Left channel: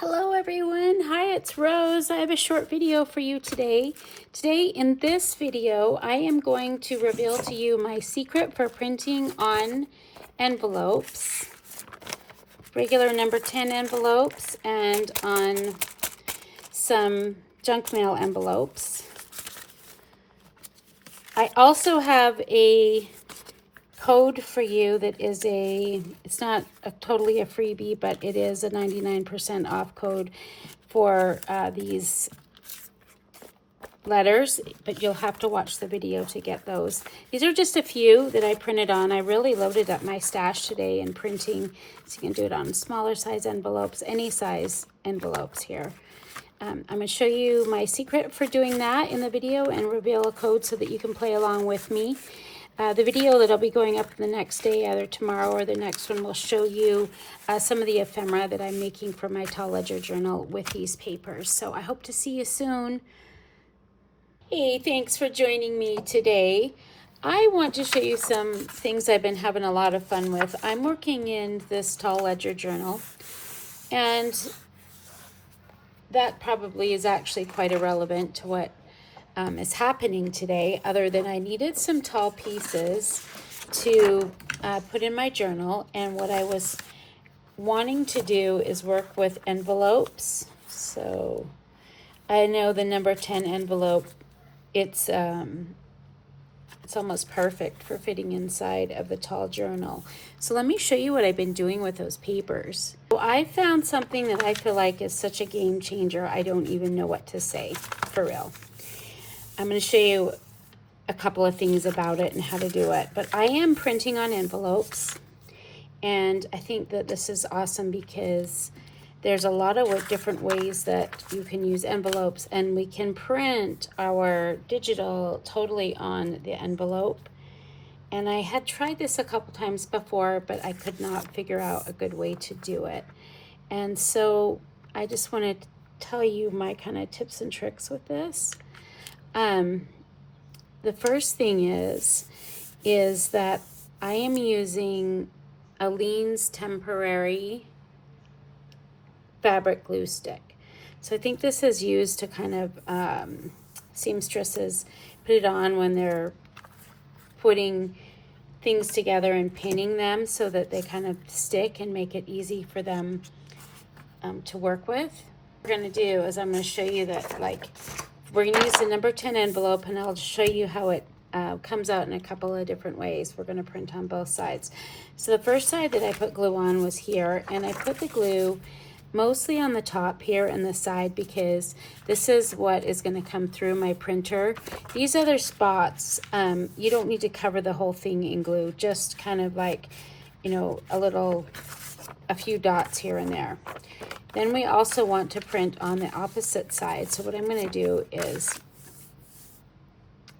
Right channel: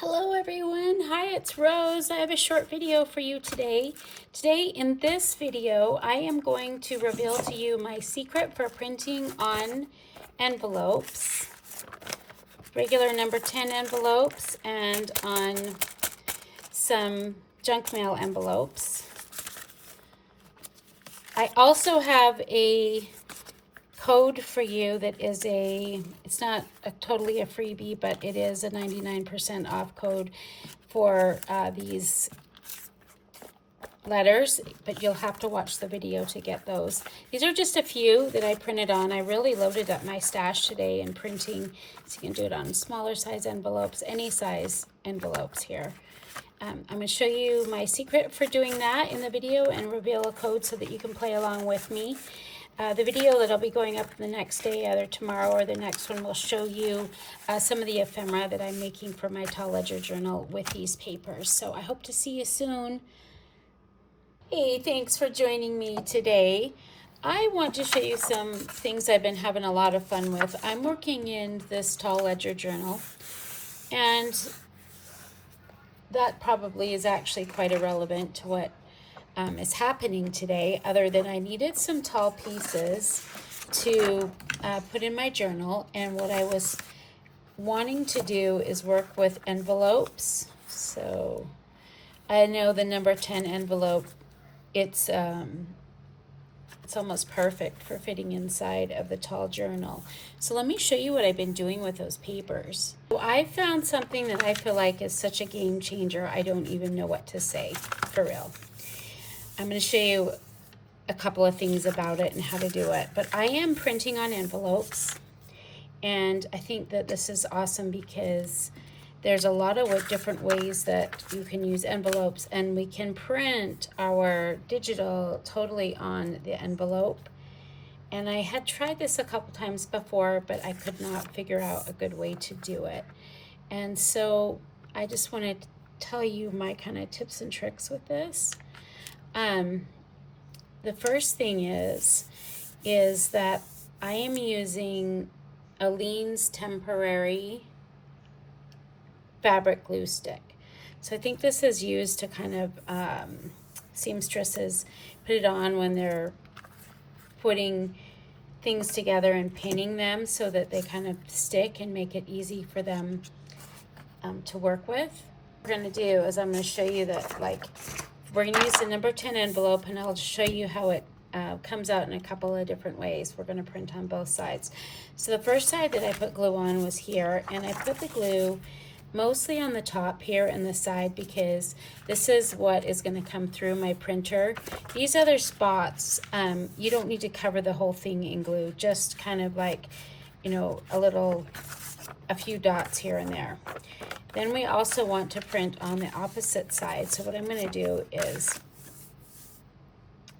Hello everyone, hi, it's Rose. I have a short video for you today. Today in this video, I am going to reveal to you my secret for printing on envelopes, regular number 10 envelopes, and on some junk mail envelopes. I also have a code for you that is it's not totally a freebie, but it is a 99% off code for these letters, but you'll have to watch the video to get those. These are just a few that I printed on. I really loaded up my stash today in printing, so you can do it on smaller size envelopes, any size envelopes here. I'm going to show you my secret for doing that in the video and reveal a code so that you can play along with me. The video that'll be going up the next day, either tomorrow or the next one, will show you some of the ephemera that I'm making for my tall ledger journal with these papers. So I hope to see you soon. Hey, thanks for joining me today. I want to show you some things I've been having a lot of fun with. I'm working in this tall ledger journal, and that probably is actually quite irrelevant to what is happening today, other than I needed some tall pieces to put in my journal, and what I was wanting to do is work with envelopes. So I know the number 10 envelope, it's almost perfect for fitting inside of the tall journal. So let me show you what I've been doing with those papers. So I found something that I feel like is such a game changer, I don't even know what to say, for real. I'm going to show you a couple of things about it and how to do it. But I am printing on envelopes, and I think that this is awesome because there's a lot of different ways that you can use envelopes, and we can print our digital totally on the envelope. And I had tried this a couple times before, but I could not figure out a good way to do it. And so I just wanted to tell you my kind of tips and tricks with this. The first thing is that I am using Aleene's temporary fabric glue stick. So I think this is used to kind of seamstresses put it on when they're putting things together and pinning them so that they kind of stick and make it easy for them to work with. What we're going to do is I'm going to show you that, like, we're going to use the number 10 envelope, and I'll show you how it comes out in a couple of different ways. We're going to print on both sides. So the first side that I put glue on was here, and I put the glue mostly on the top here and the side because this is what is going to come through my printer. These other spots, you don't need to cover the whole thing in glue, just kind of like, you know, a few dots here and there. Then we also want to print on the opposite side. So what I'm going to do is,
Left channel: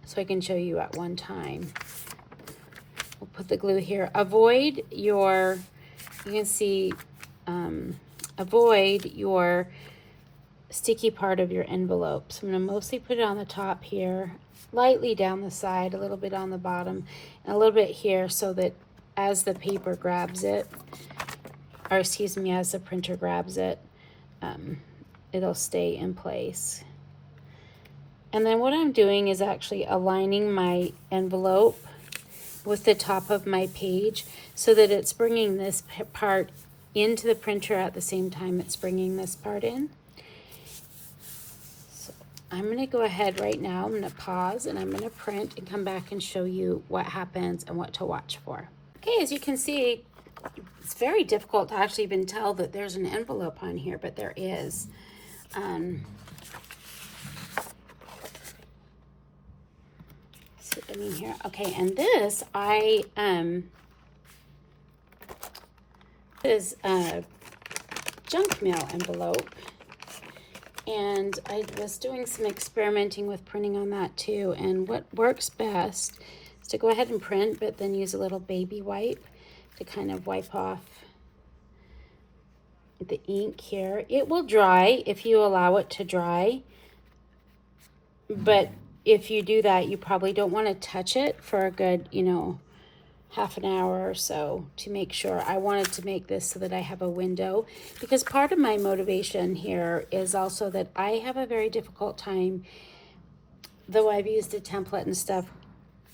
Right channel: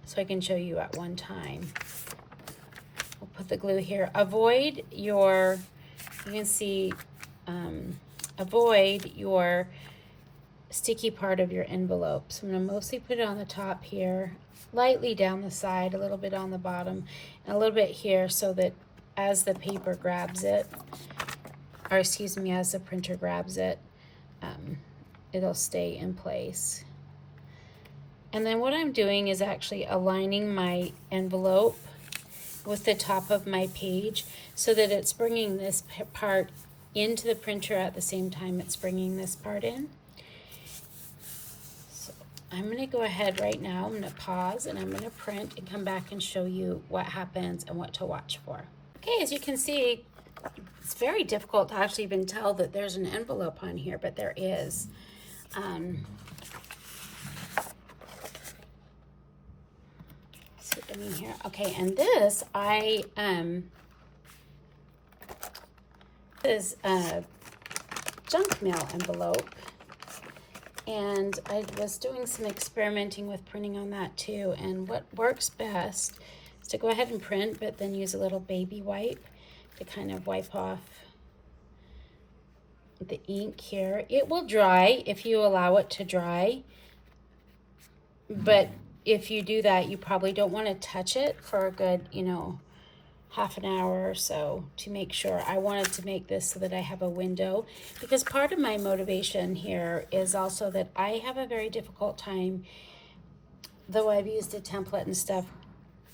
so I can show you at one time, we'll put the glue here. Avoid your, you can see, avoid your sticky part of your envelope. So I'm going to mostly put it on the top here, lightly down the side, a little bit on the bottom, and a little bit here so that as the paper grabs it, or excuse me, as the printer grabs it, it'll stay in place. And then what I'm doing is actually aligning my envelope with the top of my page so that it's bringing this part into the printer at the same time it's bringing this part in. So I'm going to go ahead right now, I'm going to pause, and I'm going to print and come back and show you what happens and what to watch for. Okay, as you can see, it's very difficult to actually even tell that there's an envelope on here, but there is. In here. Okay, and this is a junk mail envelope, and I was doing some experimenting with printing on that too, and what works best is to go ahead and print, but then use a little baby wipe to kind of wipe off the ink here. It will dry if you allow it to dry, but if you do that, you probably don't want to touch it for a good, you know, half an hour or so to make sure. I wanted to make this so that I have a window, because part of my motivation here is also that I have a very difficult time, though I've used a template and stuff,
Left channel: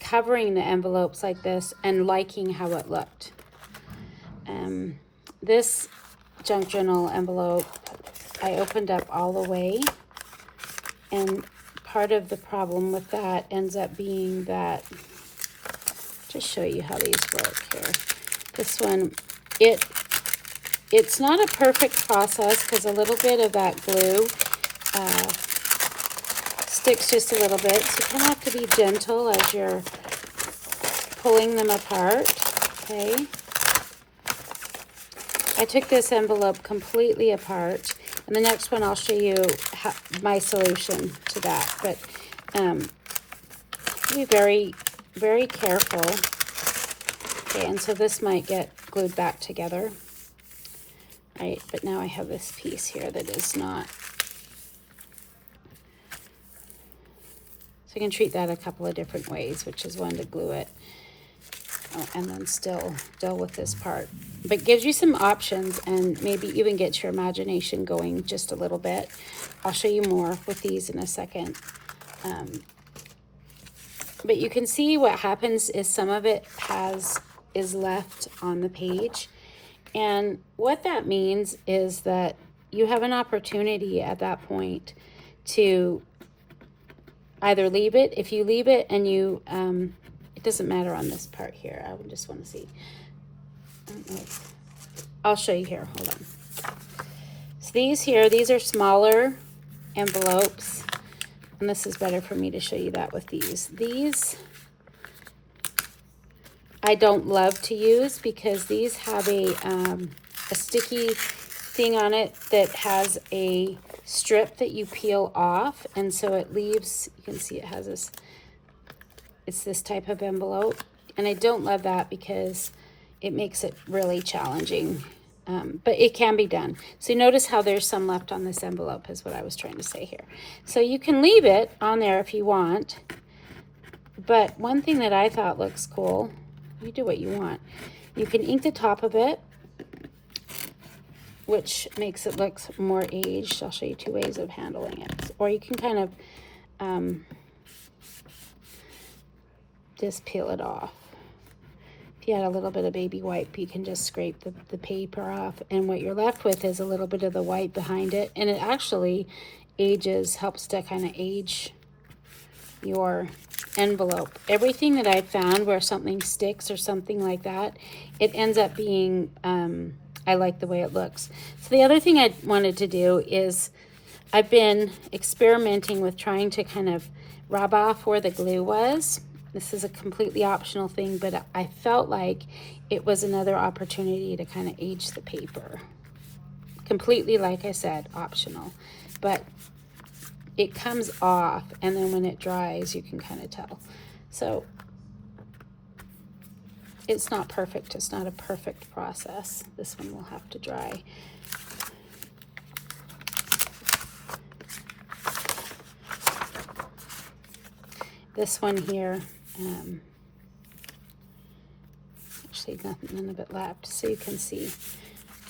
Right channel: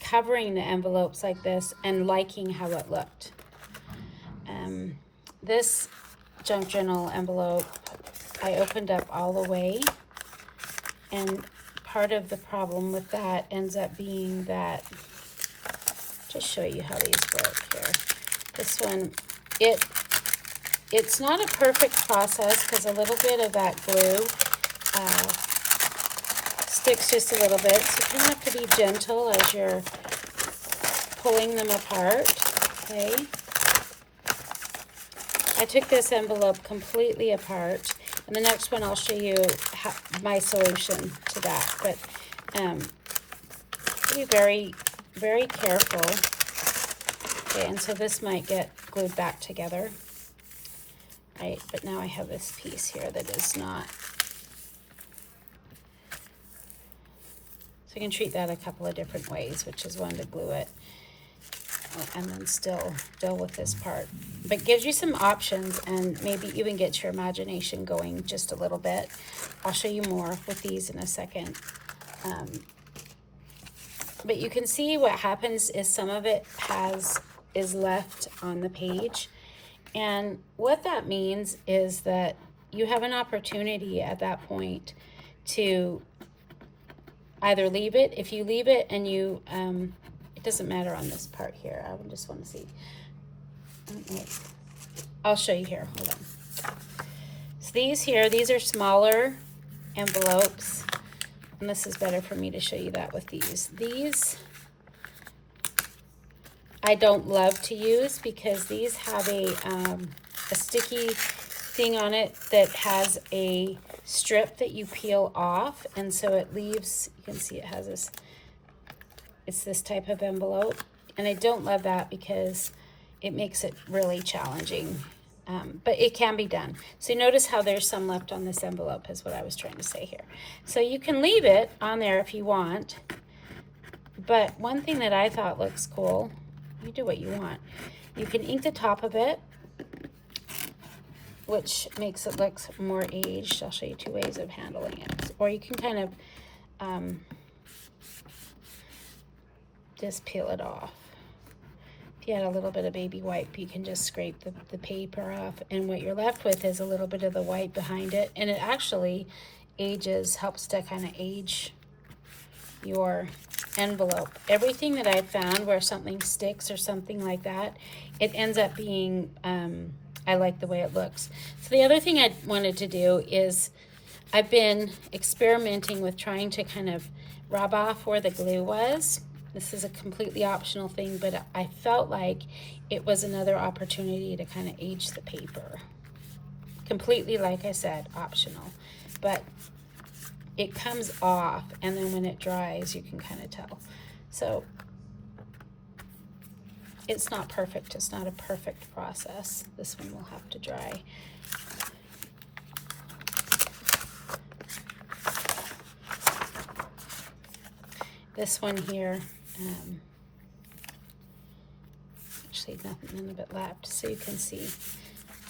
covering the envelopes like this and liking how it looked. This junk journal envelope, I opened up all the way, and part of the problem with that ends up being that, to show you how these work here, this one, it's not a perfect process because a little bit of that glue sticks just a little bit, so you kind of have to be gentle as you're pulling them apart. Okay, I took this envelope completely apart, and the next one I'll show you my solution to that, but be very, very careful. Okay, and so this might get glued back together, right? But now I have this piece here that is not. So you can treat that a couple of different ways, which is one to glue it, and then still deal with this part. But gives you some options, and maybe even get your imagination going just a little bit. I'll show you more with these in a second. But you can see what happens is some of it is left on the page. And what that means is that you have an opportunity at that point to either leave it. If you leave it and you, it doesn't matter on this part here. I just want to see. I'll show you here. Hold on. So these are smaller envelopes. And this is better for me to show you that with these. These I don't love to use because these have a sticky thing on it that has a strip that you peel off, and so it leaves, you can see it has this, it's this type of envelope, and I don't love that because it makes it really challenging. But it can be done. So you notice how there's some left on this envelope is what I was trying to say here. So you can leave it on there if you want. But one thing that I thought looks cool, you do what you want. You can ink the top of it, which makes it look more aged. I'll show you two ways of handling it. Or you can kind of just peel it off. If you had a little bit of baby wipe, you can just scrape the paper off, and what you're left with is a little bit of the white behind it, and it actually helps to kind of age your envelope. Everything that I've found where something sticks or something like that, it ends up being, I like the way it looks. So the other thing I wanted to do is I've been experimenting with trying to kind of rub off where the glue was. This is a completely optional thing, but I felt like it was another opportunity to kind of age the paper. Completely, like I said, optional. But it comes off, and then when it dries, you can kind of tell. So it's not perfect. It's not a perfect process. This one will have to dry. This one here, actually nothing in of it left, so you can see.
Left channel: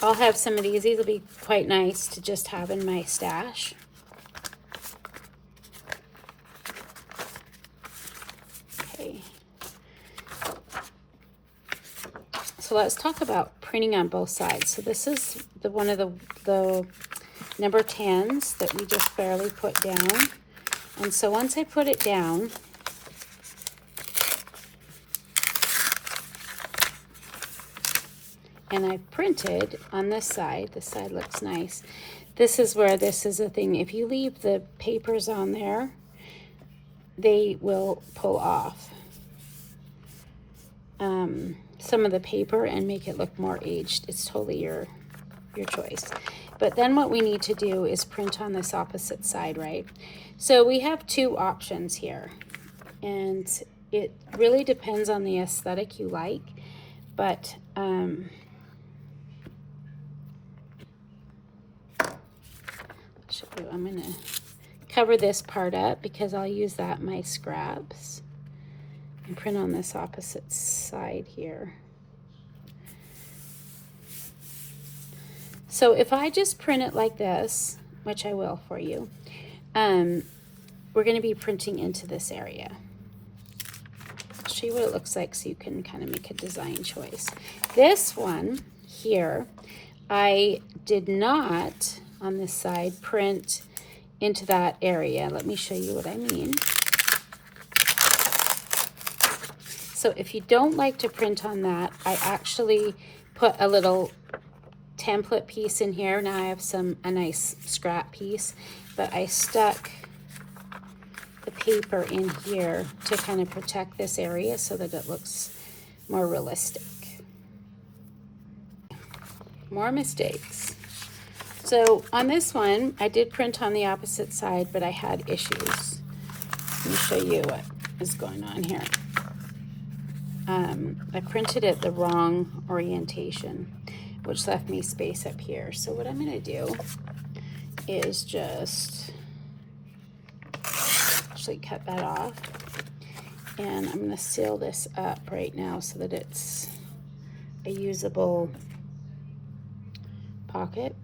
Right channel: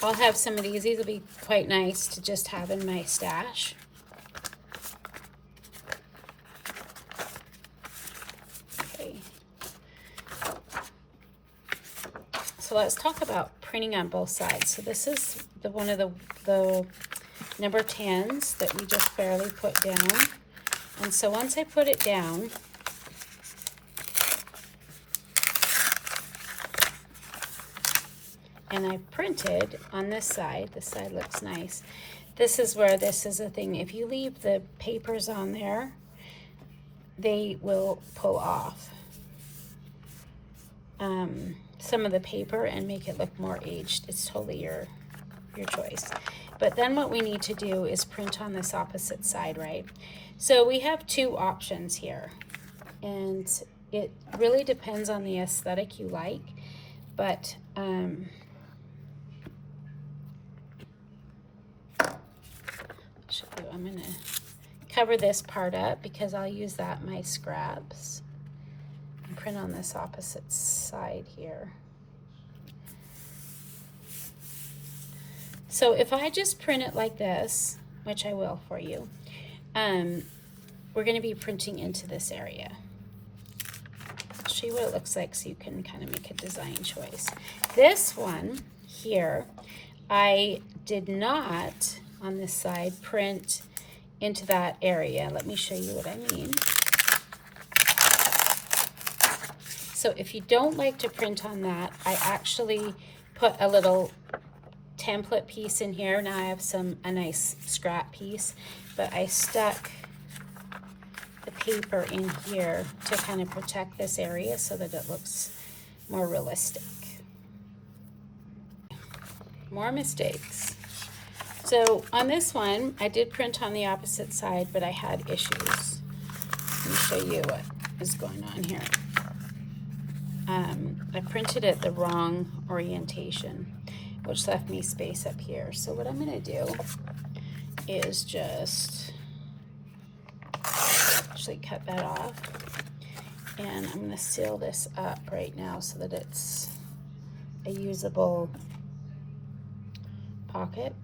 I'll have some of these. These will be quite nice to just have in my stash. Okay. So let's talk about printing on both sides. So this is one of the number 10s that we just barely put down. And so once I put it down, and I printed on this side looks nice. This is where this is the thing. If you leave the papers on there, they will pull off some of the paper and make it look more aged. It's totally your choice. But then what we need to do is print on this opposite side, right? So we have two options here, and it really depends on the aesthetic you like, but I'm going to cover this part up because I'll use that in my scraps. and print on this opposite side here. So if I just print it like this, which I will for you, we're going to be printing into this area. I'll show you what it looks like so you can kind of make a design choice. This one here, I did not, on this side, print into that area. Let me show you what I mean. So if you don't like to print on that, I actually put a little template piece in here. Now I have a nice scrap piece, but I stuck the paper in here to kind of protect this area so that it looks more realistic. More mistakes. So on this one, I did print on the opposite side, but I had issues. Let me show you what is going on here. I printed it the wrong orientation, which left me space up here. So what I'm going to do is just actually cut that off, and I'm going to seal this up right now so that it's a usable pocket.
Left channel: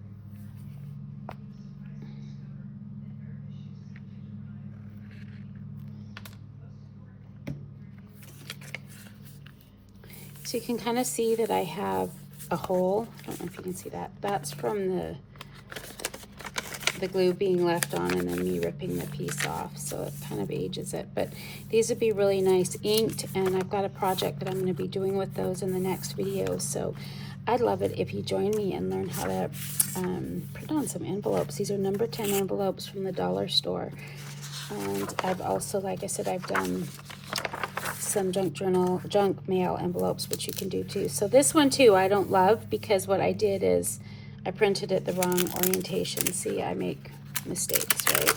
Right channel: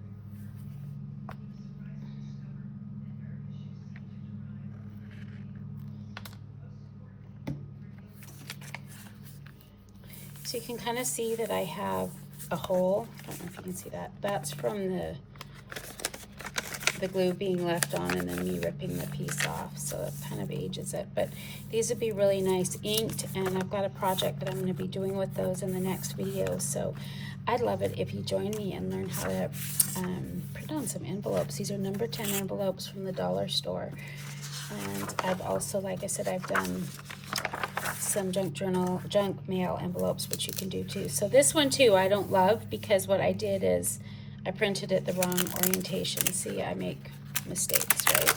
So you can kind of see that I have a hole. I don't know if you can see that. That's from the glue being left on and then me ripping the piece off, so it kind of ages it. But these would be really nice inked, and I've got a project that I'm going to be doing with those in the next video. So I'd love it if you join me and learn how to print on some envelopes. These are number 10 envelopes from the dollar store. And I've also, like I said, I've done some junk mail envelopes, which you can do too. So this one too I don't love, because what I did is I printed it the wrong orientation. See, I make mistakes, right?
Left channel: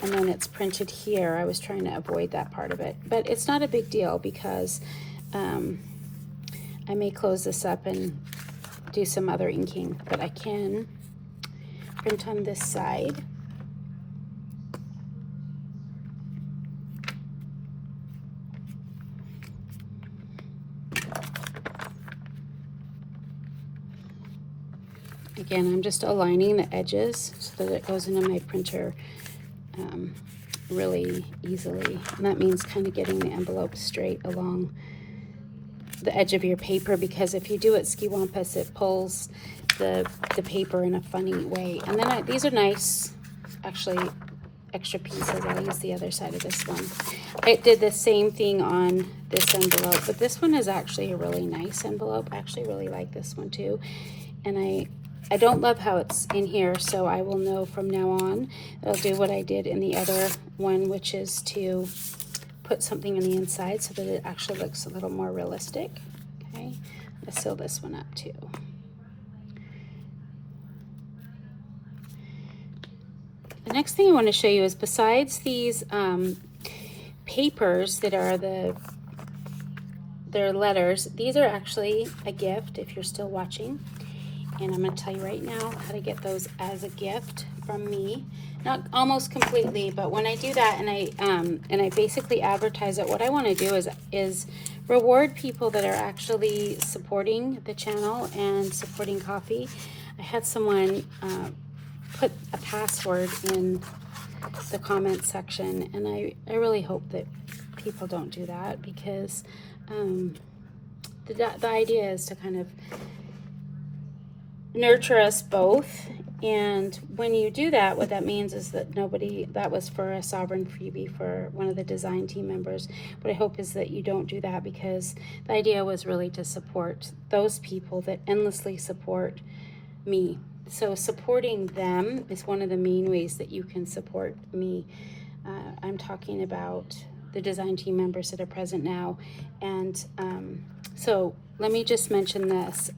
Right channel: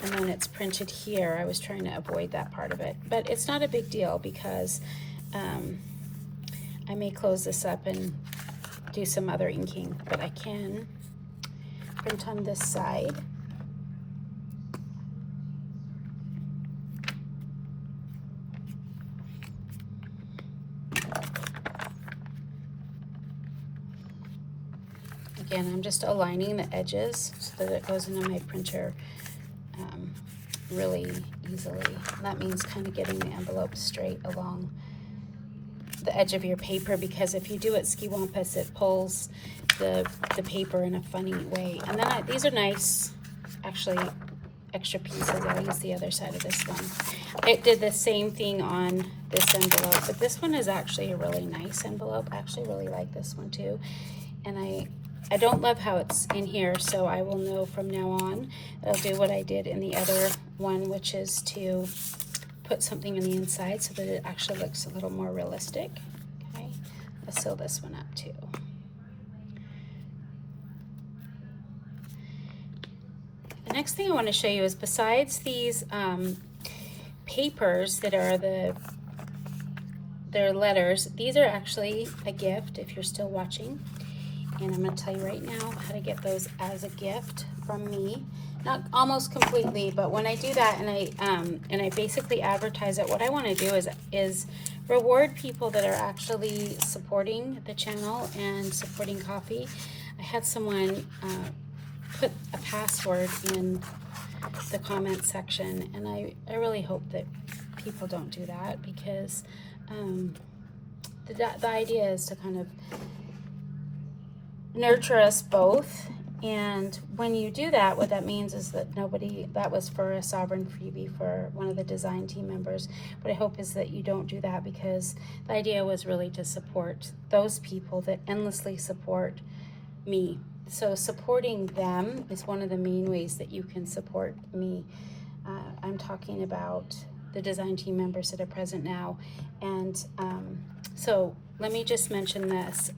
And then it's printed here. I was trying to avoid that part of it, but it's not a big deal because I may close this up and do some other inking, but I can print on this side. Again, I'm just aligning the edges so that it goes into my printer really easily. And that means kind of getting the envelope straight along the edge of your paper, because if you do it skiwampus, it pulls the paper in a funny way. And then these are nice, actually, extra pieces. I'll use the other side of this one. I did the same thing on this envelope, but this one is actually a really nice envelope. I actually really like this one too. And I don't love how it's in here, so I will know from now on that I'll do what I did in the other one, which is to put something on the inside so that it actually looks a little more realistic. Okay, I'll seal this one up too. The next thing I want to show you is, besides these papers that are their letters, these are actually a gift if you're still watching. And I'm going to tell you right now how to get those as a gift from me. Not almost completely, but when I do that and I basically advertise it, what I want to do is reward people that are actually supporting the channel and supporting coffee. I had someone put a password in the comment section, and I really hope that people don't do that, because the idea is to kind of nurture us both. And when you do that, what that means is that that was for a sovereign freebie for one of the design team members. What I hope is that you don't do that, because the idea was really to support those people that endlessly support me. So supporting them is one of the main ways that you can support me. I'm talking about the design team members that are present now. And so let me just mention this.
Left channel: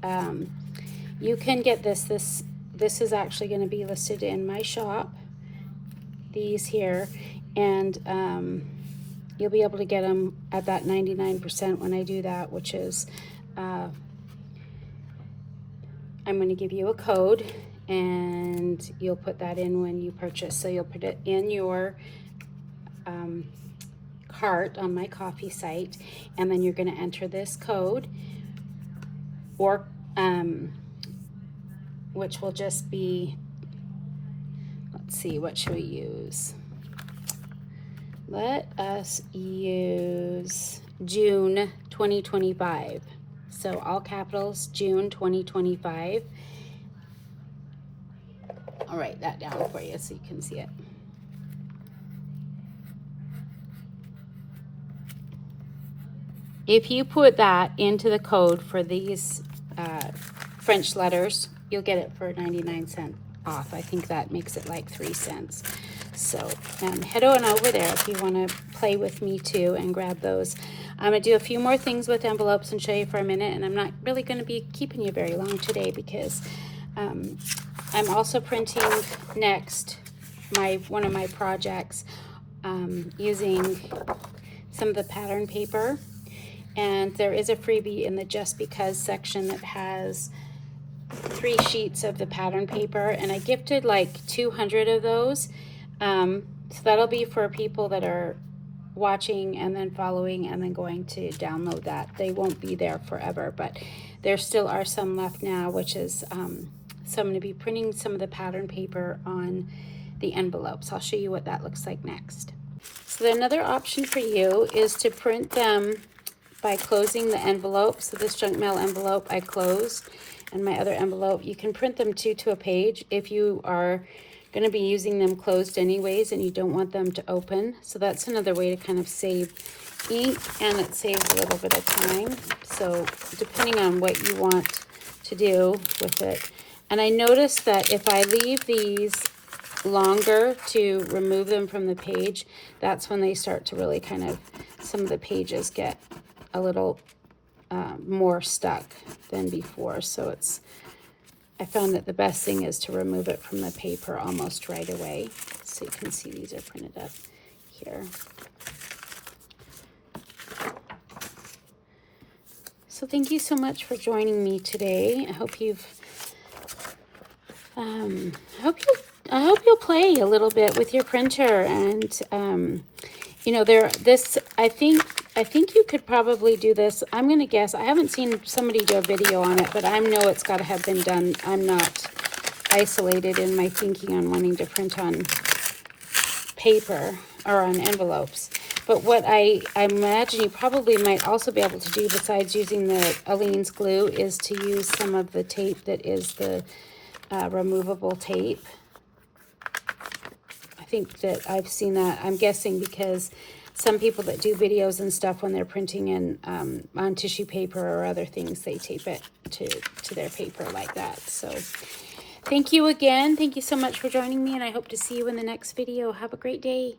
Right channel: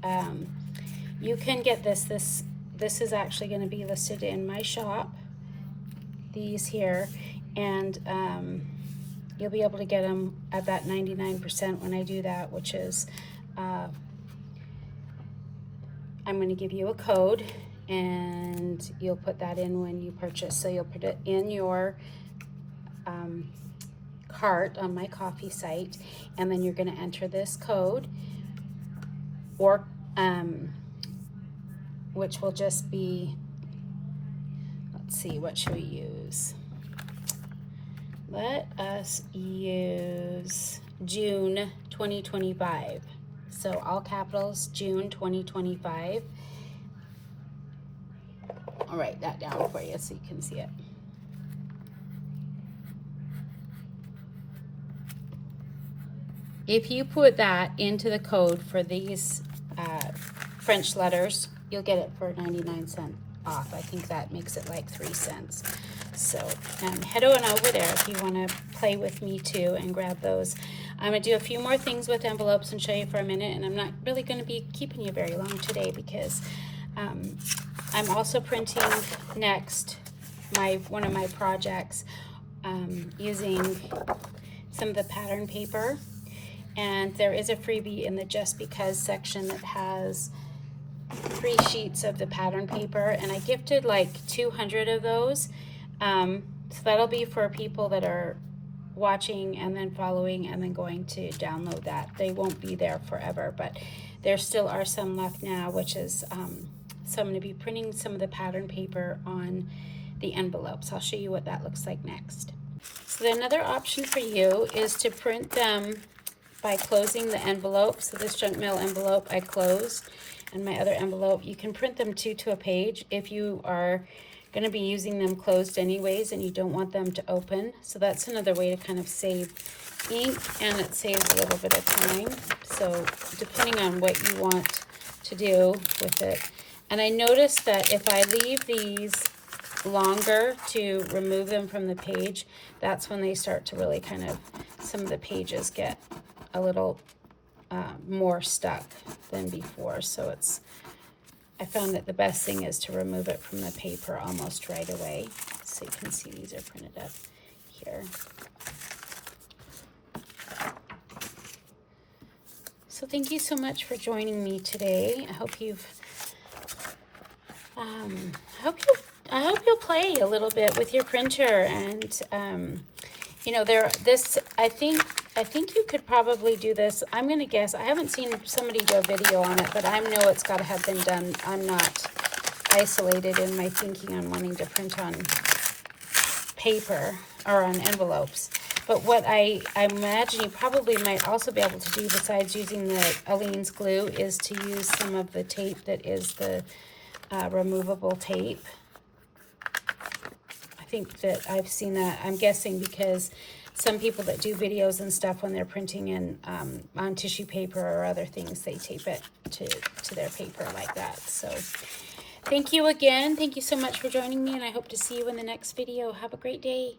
You can get this is actually going to be listed in my shop, these here, and you'll be able to get them at that 99% when I do that, which is I'm going to give you a code, and you'll put that in when you purchase. So you'll put it in your cart on my coffee site, and then you're going to enter this code, or which will just be, let's see, what should we use? Let us use June 2025. So all capitals, June 2025. I'll write that down for you so you can see it. If you put that into the code for these French letters, you'll get it for 99 cents off. I think that makes it like 3 cents. So head on over there if you want to play with me too and grab those. I'm going to do a few more things with envelopes and show you for a minute, and I'm not really going to be keeping you very long today because I'm also printing next one of my projects using some of the pattern paper, and there is a freebie in the Just Because section that has 3 sheets of the pattern paper, and I gifted like 200 of those. So that'll be for people that are watching and then following and then going to download that. They won't be there forever, but there still are some left now, which is so I'm going to be printing some of the pattern paper on the envelopes. I'll show you what that looks like next. So another option for you is to print them by closing the envelope. So this junk mail envelope I close, and my other envelope, you can print them to a page if you are going to be using them closed anyways and you don't want them to open. So that's another way to kind of save ink, and it saves a little bit of time. So depending on what you want to do with it. And I noticed that if I leave these longer to remove them from the page, that's when they start to really kind of, some of the pages get a little more stuck than before. So I found that the best thing is to remove it from the paper almost right away. So you can see these are printed up here. So thank you so much for joining me today. I hope I hope you'll play a little bit with your printer, and you know, I think you could probably do this. I'm going to guess, I haven't seen somebody do a video on it, but I know it's got to have been done. I'm not isolated in my thinking on wanting to print on paper or on envelopes. But what I imagine you probably might also be able to do, besides using the Aleene's glue, is to use some of the tape that is the removable tape. I think that I've seen that. I'm guessing because some people that do videos and stuff, when they're printing in on tissue paper or other things, they tape it to their paper like that. So thank you again. Thank you so much for joining me, and I hope to see you in the next video. Have a great day.